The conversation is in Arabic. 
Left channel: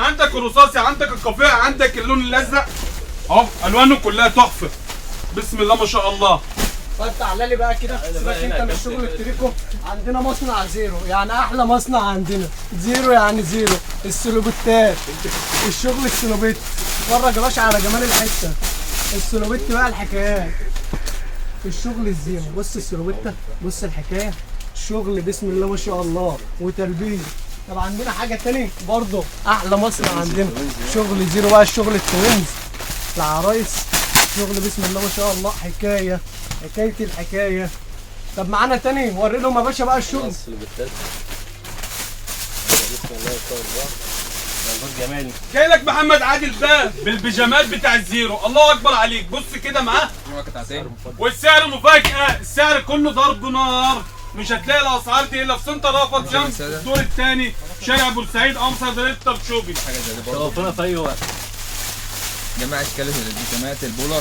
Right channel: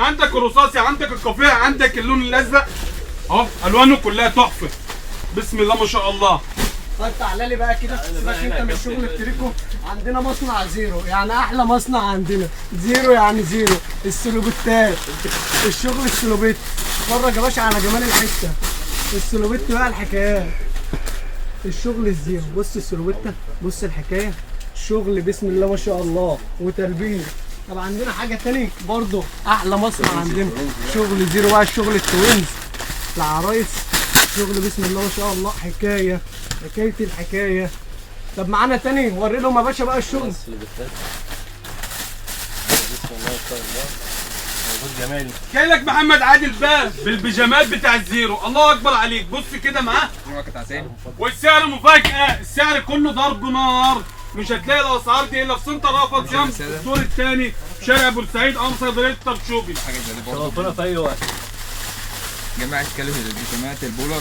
عندك الرصاصي، عندك القافيه، عندك اللون الازرق اهو، الوانه كلها تحفه. بسم الله ما شاء الله. طيب تعالى لي بقى كده، سيبك انت من شغل التريكو. عندنا مصنع زيرو، يعني احلى مصنع عندنا. زيرو يعني زيرو. السلوبيتات، الشغل السلوبيت. اتفرج يا باشا على جمال الحته. السلوبيت بقى الحكايات. الشغل الزيرو، بص السلوبيته، بص الحكايه. شغل بسم الله ما شاء الله وتربيه. طب عندنا حاجه تاني برضه احلى مصنع عندنا شغل زيرو بقى، الشغل التوينز العرايس. شغل بسم الله ما شاء الله، حكايه الحكايه. طب معانا تاني، وري لهم يا باشا بقى الشغل. بسم الله ما شاء الله. موجود جمالي. جاي لك محمد عادل بقى بالبيجامات بتاع الزيرو. الله اكبر عليك. بص كده معاه، والسعر مفاجاه. السعر كله ضرب نار. مش هتلاقي الاسعار دي الا في سنتر رأفت شمس الدور الثاني، شارع بورسعيد، امصر دريد الطرشوبي. حاجه زي دي برضه في اي وقت. جماعه كلمه البيجامات البولر.